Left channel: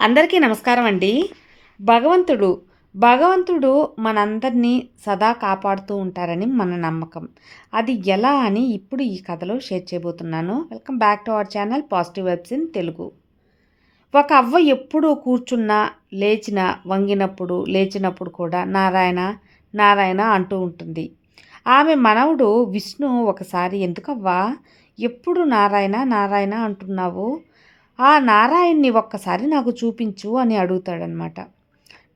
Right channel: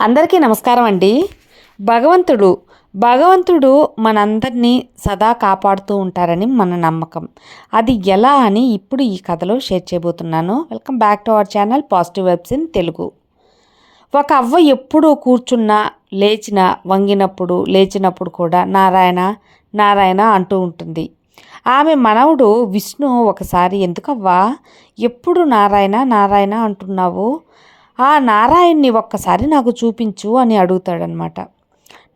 అందరికీ నమస్కారం అండి. భగవంతుడు భగవంతుడు మనందరినీ సదా కాపాడుతూ ఉంటారని మన నమ్మకం. అది ఎలా అని ఇప్పుడు ఈ కథలో షేర్ చేయబోతున్నాను. Welcome back to our channel positive vibes in Telugu. ఒక అవ్వ ఎప్పుడూ కూర్చున్నా లేచిన వంగినప్పుడు లేచినప్పుడు కూడా నారాయణ నారాయణ అంటూ ఉంటుంది. ఆమె మనవుడు విష్ణు ఒకసారి ఎందుకవ్వా? ఎప్పుడు నారాయణ నారాయణ అంటున్నావు? ఆ నారాయణ్ణి ఒక్కసారి నాకు చూపించు అని అడుగుతాడనమాట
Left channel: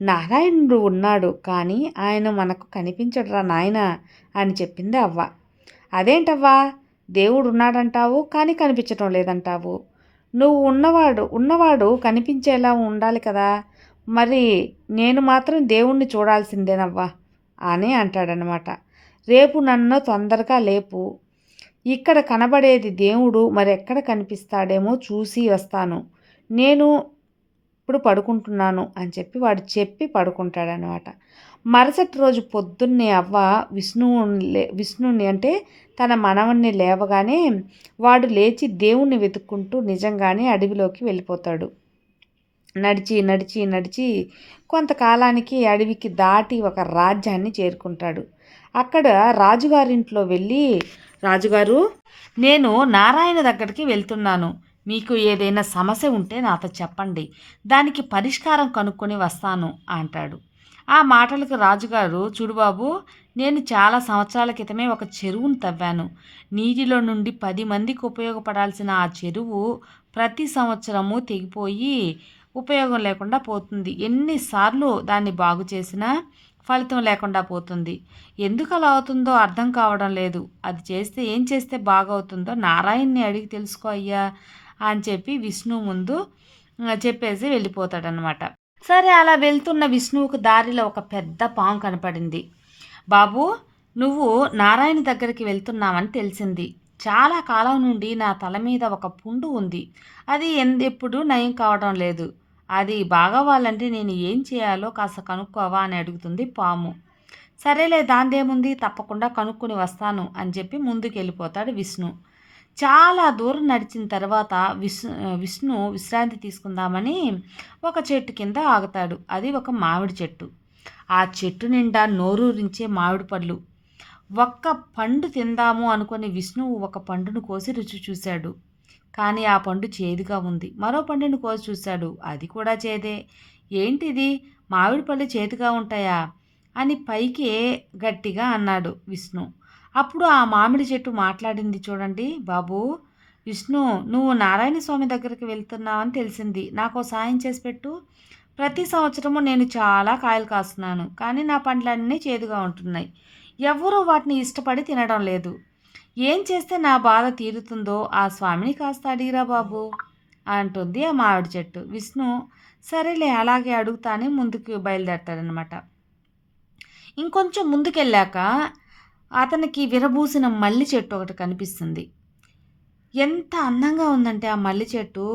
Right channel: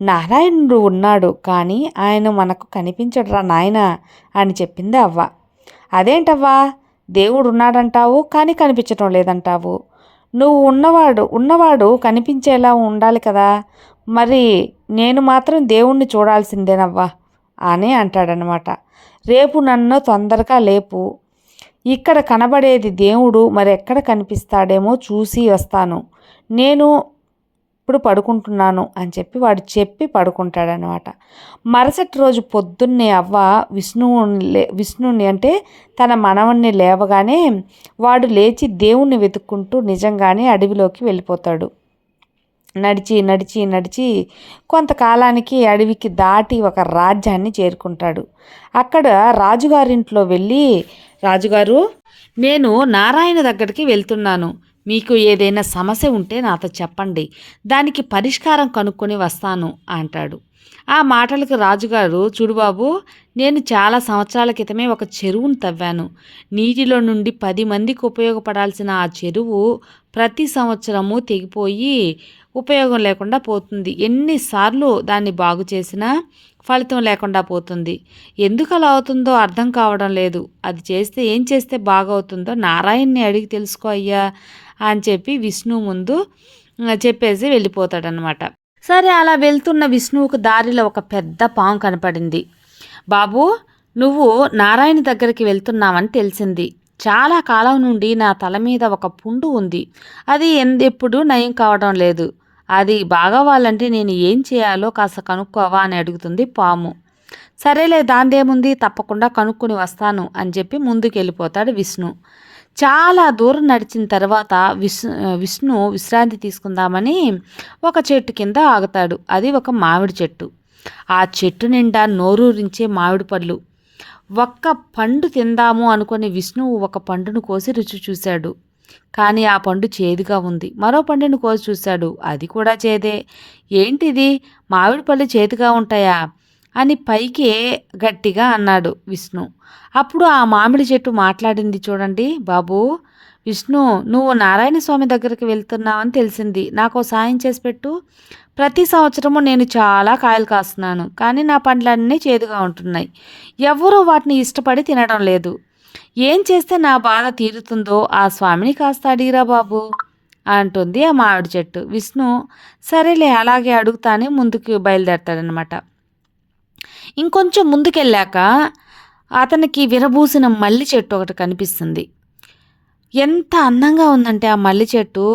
నారాయణుడు ఉన్నాడు కానీ ఆయన మనకు కనిపించడురా నాయన అని చెప్పింది అవ్వ. అదేంటవ్వా? దేవుడు ఉన్నాడంటావు కానీ కనిపించడం లేదంటావు. నువ్వు ఉన్నవాడు ఉన్నవాడు కనిపించేలా ఉండాలి కదా. మరి నేను మాత్రం దేవుణ్ణి చూడాల్సిందేనవ్వా అని అంటాడనమాట రేపు నన్ను తొందరగా లేపు ఇక్కడ కనబడేది దేవుడు మరి ఎక్కడ కనిపిస్తాడేమో చూసి వస్తాను. నేను ఇప్పుడు పడుకుంటున్నాను అని చెప్పి వాడు చెప్పి పడుకుంటాడనమాట మరుసటి రోజు పొద్దున్నే అవ్వ విష్ణువుని లే విష్ణుని అంటే తన మనవణ్ణి లేవగానే వాడు లేచి దేవుణ్ణి వెతుక్కుంటూ నిజంగానే అడవిలోకి వెళ్ళిపోతాడు. నడిచి నడిచి నడిచి కొంతకాలానికి అడవికి దాటి ఒక రాజ్యాన్ని చేరుకుంటాడు. అక్కడ రాజుగారింట్లో వెళ్ళి రాజుగారు నేను నారాయణ దగ్గరికి వెళ్తున్నాను. మీకు ఏదైనా సమస్య ఉంటే నాతో చెప్పండి. దానికి పరిష్కారం కనుక్కొని వస్తాను అంటాడు. ఆ మాటలకు రాజుగారు చూడుబాబు నేను చాలా సంవత్సరాల క్రితమే ఒక చెరువును తవ్వాను. నీటిలో నుండి పది మందికి ఉపయోగపడాల్సిన ఆ చెరువు ప్రతి సంవత్సరము తెగిపోయి ఉపయోగం లేకుండా పోతుంది. ఎన్నిసార్లు దాన్ని బాగు చేసినా ఫలితం లేకుండా పోతుంది. ఎందుకు అలా అవుతుందో అర్థం కావడం లేదు. అది చేస్తే ఏం చేస్తే బాగవుతుందో నారాయణ్ని అడిగి తెలుసుకో అయ్యా అని చెప్పి విష్ణు ముందు చెప్పేసి వెళ్ళిపోతాడనమాట సరే అలా వెళ్తున్న విష్ణువుకు దారిలో ఒక పెద్ద పాము కనపడింది. బాబు నువ్వు నారాయణ దగ్గరికి వెళ్తున్నావని తెలిసింది. చాలా కాలం నుండి నా తల మీద ఒక పుండు ఉంది. అది ఎప్పుడు నయం కావడం లేదు. అది బాగవ్వాలంటే నేను ఏం చేయాలో కాస్త కనుక్కోవా అని అడుగుతుంది పాము. సరేలే దాందేముంది తప్పకుండా కనుక్కొని వస్తాను అని చెప్పి ముందుకెళ్ళిపోతాడు విష్ణు. చాలా దూరం నడిచిన తర్వాత విష్ విష్ణు విశ్రాంతి తీసుకుందామని ఒక చెట్టు కింద ఆగుతాడు. అది ఒక మామిడి చెట్టు. ఆ చెట్టు నిండా నోరూరించే మామిడి పళ్ళు. ఒక్క పండు తిందాము అనుకుని విష్ణువు ఒక పండును కోసి రుచి చూశాడు. కానీ ఆ పండు చేదుగా ఉంది. మరో పండును కోసి చూశాడు. అది కూడా చేదే. ఏంటిది? మామిడి పళ్ళు చేదుగా ఉంటాయా? అని పైకి గట్టిగా అన్నాడు విష్ణు. అప్పుడు ఆ మామిడి చెట్టు మాట్లాడింది చూడండి బాబు. విష్ణు నువ్వు నారాయణ స్వామి దగ్గరికి వెళ్తున్నావని తెలిసింది. నాకు సాయం చేసి పెట్టు. ప్రతి సంవత్సరము నేను చాలా కాయలు కాస్తున్నాను. కానీ నా పండ్లన్నీ చేదుగా ఉంటున్నాయి. ఎవరూ వాటిని ఇష్టపడి తినడం లేదు. ఏం చేస్తే నా బాధ తీరుతుందో ఆ స్వామిని కాస్త అడిగిరా బాబు అంటుంది ఆ మామిడి చెట్టు. విష్ణు సరేలే అలాగే అడుగుతానే ముందుకు బయలుదేరతాడనమాట ఇంకొంచెం ముందుకెళ్ళాక అతనికి విరబూసిన మల్లి చెట్టు ఒకటి కనిపిస్తుంది. ఎంత అందంగా ఉందంటే ఆ మల్లి చెట్టు.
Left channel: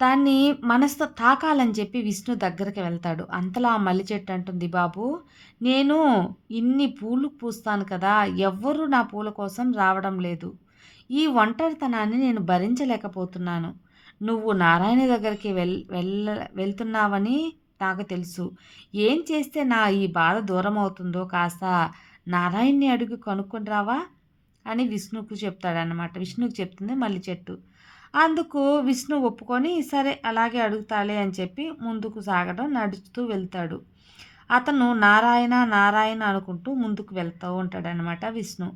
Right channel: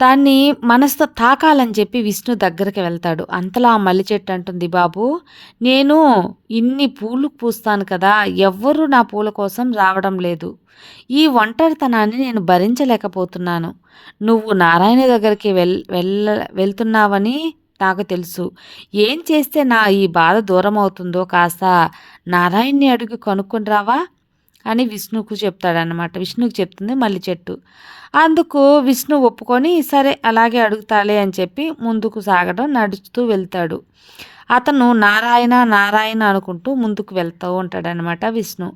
దాన్ని మనసుతో తాకాలని చెప్పి విష్ణు దగ్గరికి వెళ్తాడు. అంతలా ఆ మల్లి చెట్టు అంటుంది బాబు నేను ఇన్ని పూలు పూస్తాను కదా ఎవ్వరూ నా పూల కోసం రావడం లేదు. ఈ ఒంటరితనాన్ని నేను భరించలేకపోతున్నాను. నువ్వు నారాయణ దగ్గరికి వెల్ వెళ్ళ వెళ్తున్నావని నాకు తెలుసు. ఏం చేస్తే నా ఈ బాధ దూరం అవుతుందో కాస్త నారాయణ్ణి అడుగు కనుక్కుని రావా? అని విష్ణుకు చెప్తాడనమాట విష్ణుకు చెప్తుంది మల్లి చెట్టు. అందుకు విష్ణు ఒప్పుకొని సరే అలాగే అడుగుతాలే అని చెప్పి ముందుకు సాగడం నడుస్తూ వెళ్తాడు. అతను నారాయణ నారాయణ అనుకుంటూ ముందుకు వెళ్తూ ఉంటాడనమాట విష్ణు.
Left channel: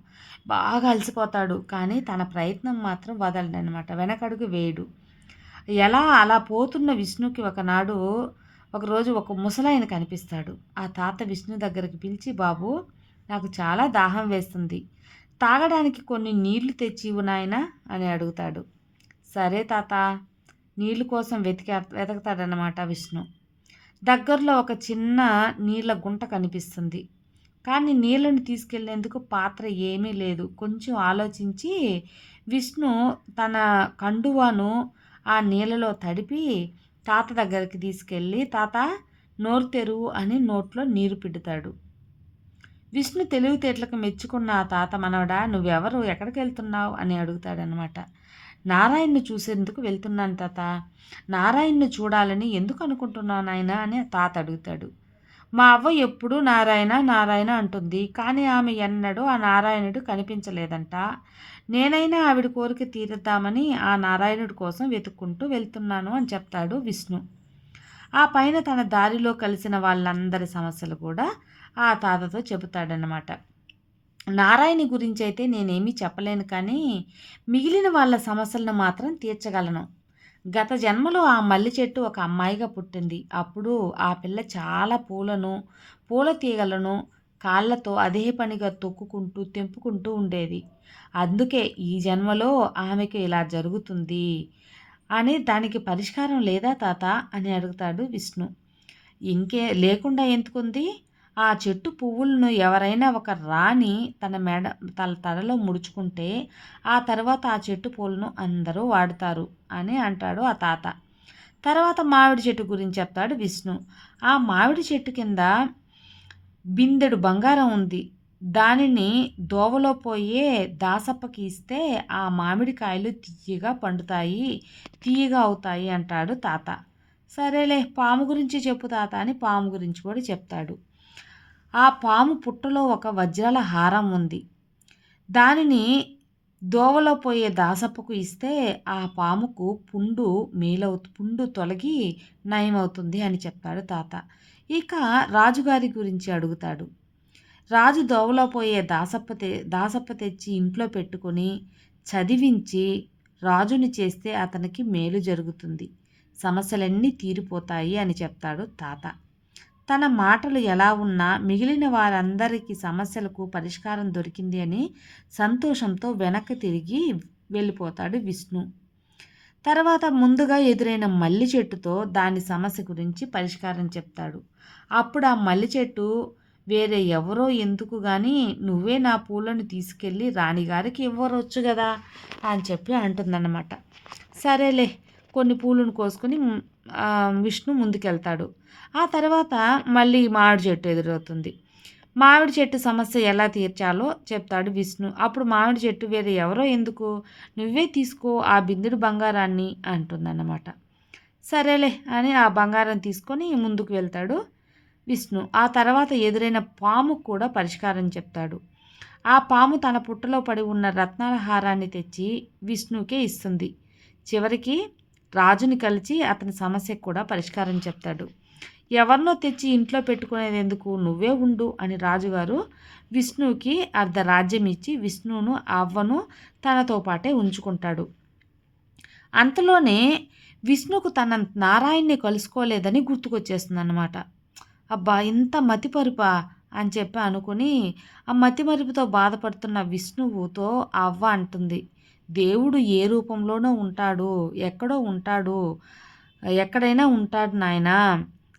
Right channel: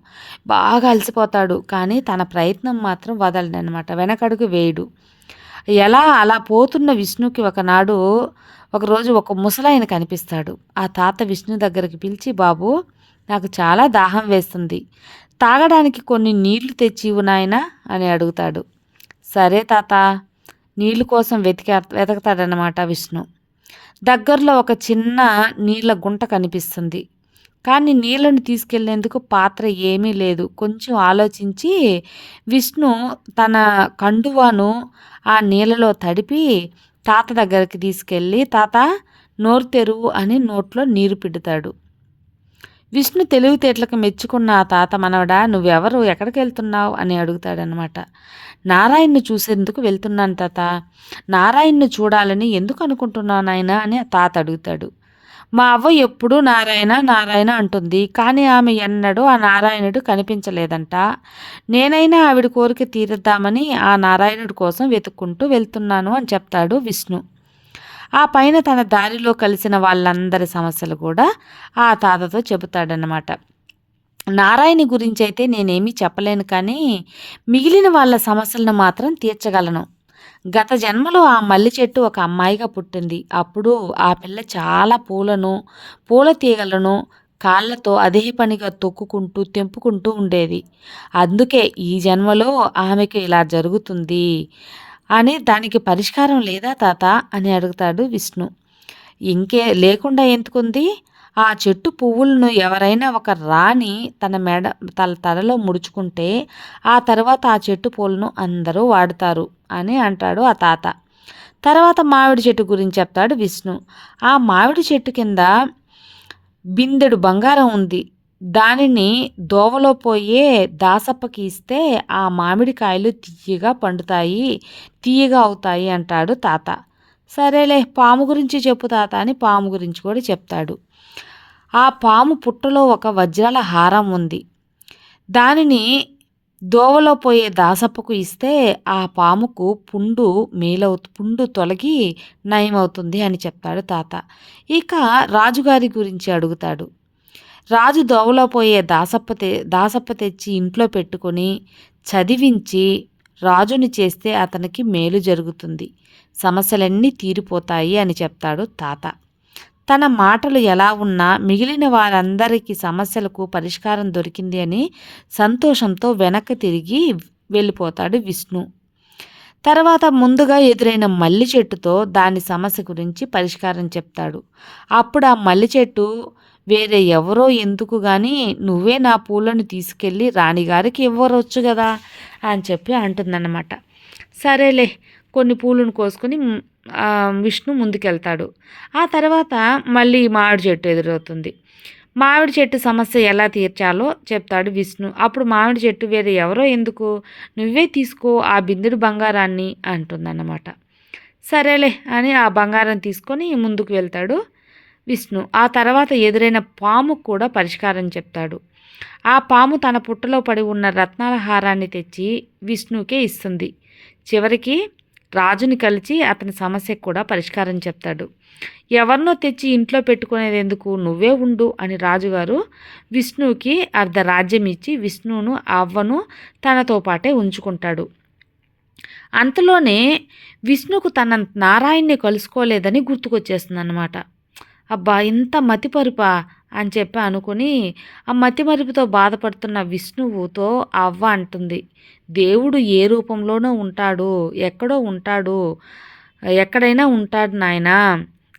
బాగా అలసిపోతాడు కానీ తన ప్రయత్నం మాత్రం వదలడనమాట వెనకడుగు వేయడు. ఎలా అలా పోతున్న విష్ణుకి ఒకనాడు ఒకరోజు ఒక ముసలాయన కనిపిస్తాడు. ఆ తాత విష్ణు దగ్గరికి పిలిచి బాబు నాకు చాలా దాహం వేస్తుంది. తాగడానికి కొన్ని నీళ్ళు తెచ్చి నాయనా? అని అడుగుతాడు. సరే తాత నీళ్ళ కోసం వెతికి వెతకతాడనమాట విష్ణు. దగ్గరలో ఒక చిన్న నీళ్ళ గుంట కనిపిస్తుంది. కానీ నీళ్ళను తీసుకెళ్ళేందుకు పాత్ర ఏమీ లేదు. కొంచెం ఆలోచించి విష్ణు తన కండువాను ఆ నీళ్ళలో తడిపి తాత దగ్గరికి తీసుకెళ్ళి తాత నోరు తెరువు అని నోట్లో నీరు పిడుతాడు. విష్ణు తెలివితేటలకు మెచ్చుకున్న ఆ తాత మనవడా నువ్వెవరు? ఎక్కడికి వెళ్తున్నావు అని అడుగుతాడనమాట. నారాయణ్ను చూసేందుకు వెళ్తున్నాను తాత. నారాయణ్ను చూడాలని ఎందుకు అనుకుంటున్నావు నాయన? అని తాత అడుగుతాడు. మా అవ్వ ఎప్పుడూ నారాయణ నారాయణ అంటుంది. కానీ ఆమె ఎన్నడూ ఆ నారాయణుడు కనిపించలేదంట. నేనైనా ఆవిడ కోరిక తీరుద్దామని ఆ నారాయణుడి కోసం వెతుక్కుంటూ వెళ్తున్నాను అని చెప్తాడు విష్ణు. ఆ పైన తన దారిలో కలిసిన వాళ్ళందరి సమస్యలు కూడా ఆ తాతతో చెబుతాడనమాట నారాయణి గురించి అయితే నేనేమీ చెప్పలేను కానీ మిగిలిన వాళ్ళ సమస్యలను మాత్రం తీర్చగలను. గత జన్మలో ఆ మల్లి చెట్టు ఒక అమ్మాయిగా పుట్టింది. అప్పుడు ఆ పిల్ల చాలా పూలను పూల తీగలను కాళ్ళతో అదే పనిగా తొక్కుకుంటూ తెంపుకుంటూ ఉండేది. అందుకే ఈ జన్మలో ఆమెకు ఇలా జరుగుతుంది. అని దానికి పరిష్కారం లేదా తాత? అని అడుగుతాడు విష్ణు. ఇంకే లేకుండా ఎందుకుంది? ఆ చెట్టు పువ్వులను ఎవరైనా ఒక రాణి తన మెడ తన తలలో ముడుచుకుంటే ఆ తర్వాత ఆ చెట్టు పూలను అందరూ వాడతారు అని అంటాడు ఆ తాత. తర్వాత మామిడి చెట్టు గురించి చెప్తాడు విష్ణు. ఆ మామిడి చెట్టు కింద బిందెడు బంగారం ఉంది. దానిని దోవలో పోయే దాసప్పకి ఇస్తే ఆ మామిడికాయలు తీయగా పండుతాయి తీయగా అవుతాయి అంటాడు తాత. సరేలే పాము గురించి చెప్పు తాత అని పాము గురించి కూడా చెప్తాడు. ఆ పాము పుట్టలో ఒక వజ్రాల హారం ఉంది. దానిని దోవలో పోయే దాసప్పకు ఇస్తే ఆ పాముకు పుండు మేలవు పుండు తొలగి నయమవుతుంది అని చెప్తాడు తాత. ఇక రాజుగారి గురించి అడుగుతాడు. రాజు దోవలో పోయే దాసప్ప తె దాసప్ప తెచ్చి ఇంట్లో పెట్టుకొని చదివించి రాజుని చేస్తే అతనికి మేలు జరుగుతుంది. సమస్యలన్నీ తీరిపోతాయి అని చెప్తాడు తాత. తన మాటలు ఎలా ఉన్నా మిగిలిన వారందరికీ సమస్యలకు పరిష్కారం దొరికింది అని సంతోషంతో వెనక్కి తిరిగి వెళ్ళిపోతాడు విష్ణు. తర్వాత ముందుగా ఎదురైన మల్లి చెట్టుతో దాని సమస్య గురించి పరిష్కారం చెప్తాడు. అప్పుడు ఆ మల్లి చెట్టు వేరే ఎవరో ఎందుకు కానీ నువ్వే నా పూలను తీసుకెళ్ళి రాణిగారికి ఇవ్వరొచ్చు కదా అని చెప్పి అంటుందన్నమాట. సరేలే కొన్ని పూలను కోసుకొని విష్ణు ముందుకెళ్తాడు. ఆ తర్వాత మళ్ళీ మామిడి చెట్టు ఎదురవుతుంది. మామిడి చెట్టు సమస్య ఎలా తీర్చాలో చెప్తాడు విష్ణు. అప్పుడు మామిడి చెట్టు వేరే ఎవరో ఎందుకు? నువ్వే తీసుకో ఆ బిందుడు బంగారాన్ని అంటుందన్నమాట. సరేలే అని ఆ బంగారం తీసుకొని ముందుకు వెళ్తాడు. విష్ణు. ఆ తర్వాత ఎదురైన పాము కూడా పరిష్కారం చెప్తాడు. ఆ పాము తన పుట్టలో పడి ఉన్న రత్నాల హారాన్ని తెచ్చి విష్ణుకే ఇస్తుంది. చివరికి రాజుని కలిసి అతని సమస్యకు కూడా పరిష్కారం చెప్తాడు. ఎవరినో తెచ్చి ఇంట్లో పెట్టుకునేది ఎందుకు? నువ్వే ఉండు అని రాజుగారు విష్ణువుకి అర్ధరాజ్యం ఇచ్చి విష్ణువును అవ్వను తనతో పాటే ఉంచుకుంటాడు. అంతలోనే విష్ణుకు తన నారాయణ్ణి కలుసుకోలేదని గుర్తుకొచ్చేస్తుంది అన్నమాట అబ్బా! ఇంత మతిపరుపా అని చెప్పి అనుకుని ఆ మతిమరుపుతో బాధపడుతున్న విష్ణువుతో అవ్వ అంటుంది దేవుడు ఏ రూపంలోనో ఉంటాడు ఎక్కడో ఉంటాడు ఎక్కడైనా ఉంటాడు నాయన.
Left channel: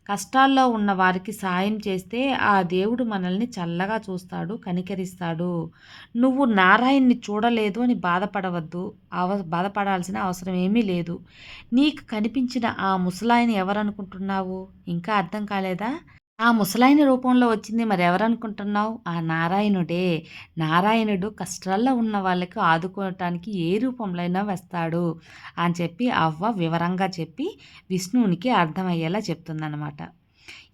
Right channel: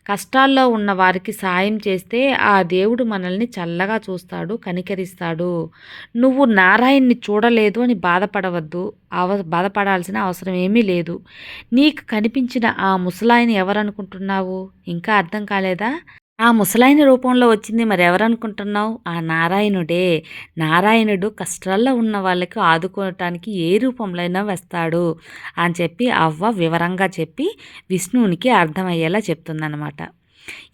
కష్టాల్లో ఉన్న వారికి సాయం చేస్తే ఆ దేవుడు మనల్ని చల్లగా చూస్తాడు కనికరిస్తాడు. నువ్వు నారాయణ్ణి చూడలేదు అని బాధపడవద్దు. అవ బాధపడాల్సిన అవసరం ఏమీ లేదు. నీకు కనిపించిన ఆ ముసలాయిని ఎవరనుకుంటున్నావు? ఇంకా అర్థం కాలేదా? ఆ ముసలాయన రూపంలో వచ్చింది మరెవరనుకుంటున్నావు? ఆ నారాయణుడే. నారాయణుడు కష్టాల్లో ఉన్న వాళ్ళకి ఆదుకోవటానికి ఏ రూపంలో అయినా వస్తాడు అని చెప్పి అవ్వ వివరంగా చెప్పి విష్ణువునికి అర్థమయ్యేలా చెప్తుందనమాట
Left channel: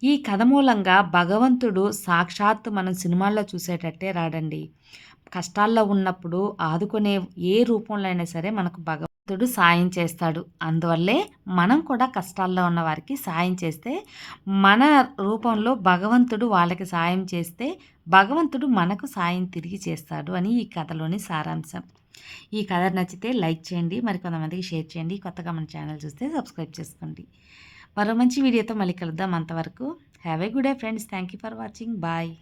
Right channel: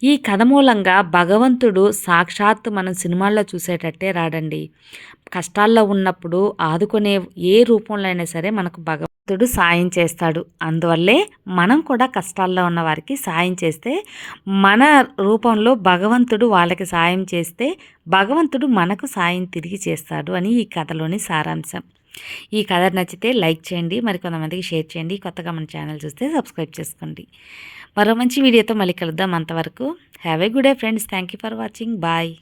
ఈ కథ మూలంగా భగవంతుడు సాక్షాత్తు మనం సినిమాల్లో చూసేటట్టే రాడండి. కష్టాల్లో ఉన్నప్పుడు ఆదుకునే ఏ రూపంలో అయినా సరే మనకు భగవంతుడు సాయం చేస్తాడు. అందువల్లే మనం కూడా కష్టాల్లో ఉన్న వారికి సాయం చేస్తే మన రూపంలో భగవంతుడు వాళ్ళకి సాయం చేస్తే భగవంతుడు మనకు సాయం తిరిగి చేస్తాడు అని ఈ కథలోని సారాంశం. ఈ కథ నచ్చితే లైక్ చేయండి మరి కొంతమందికి షేర్ చేయండి కొత్తగా మన ఛానల్ చూస్తే సబ్స్క్రైబ్ చేసుకోండి. మరో మంచి వీడియోతో మళ్ళీ కలుద్దాం అంతవరకు. Have a good day friends thank you for watching bye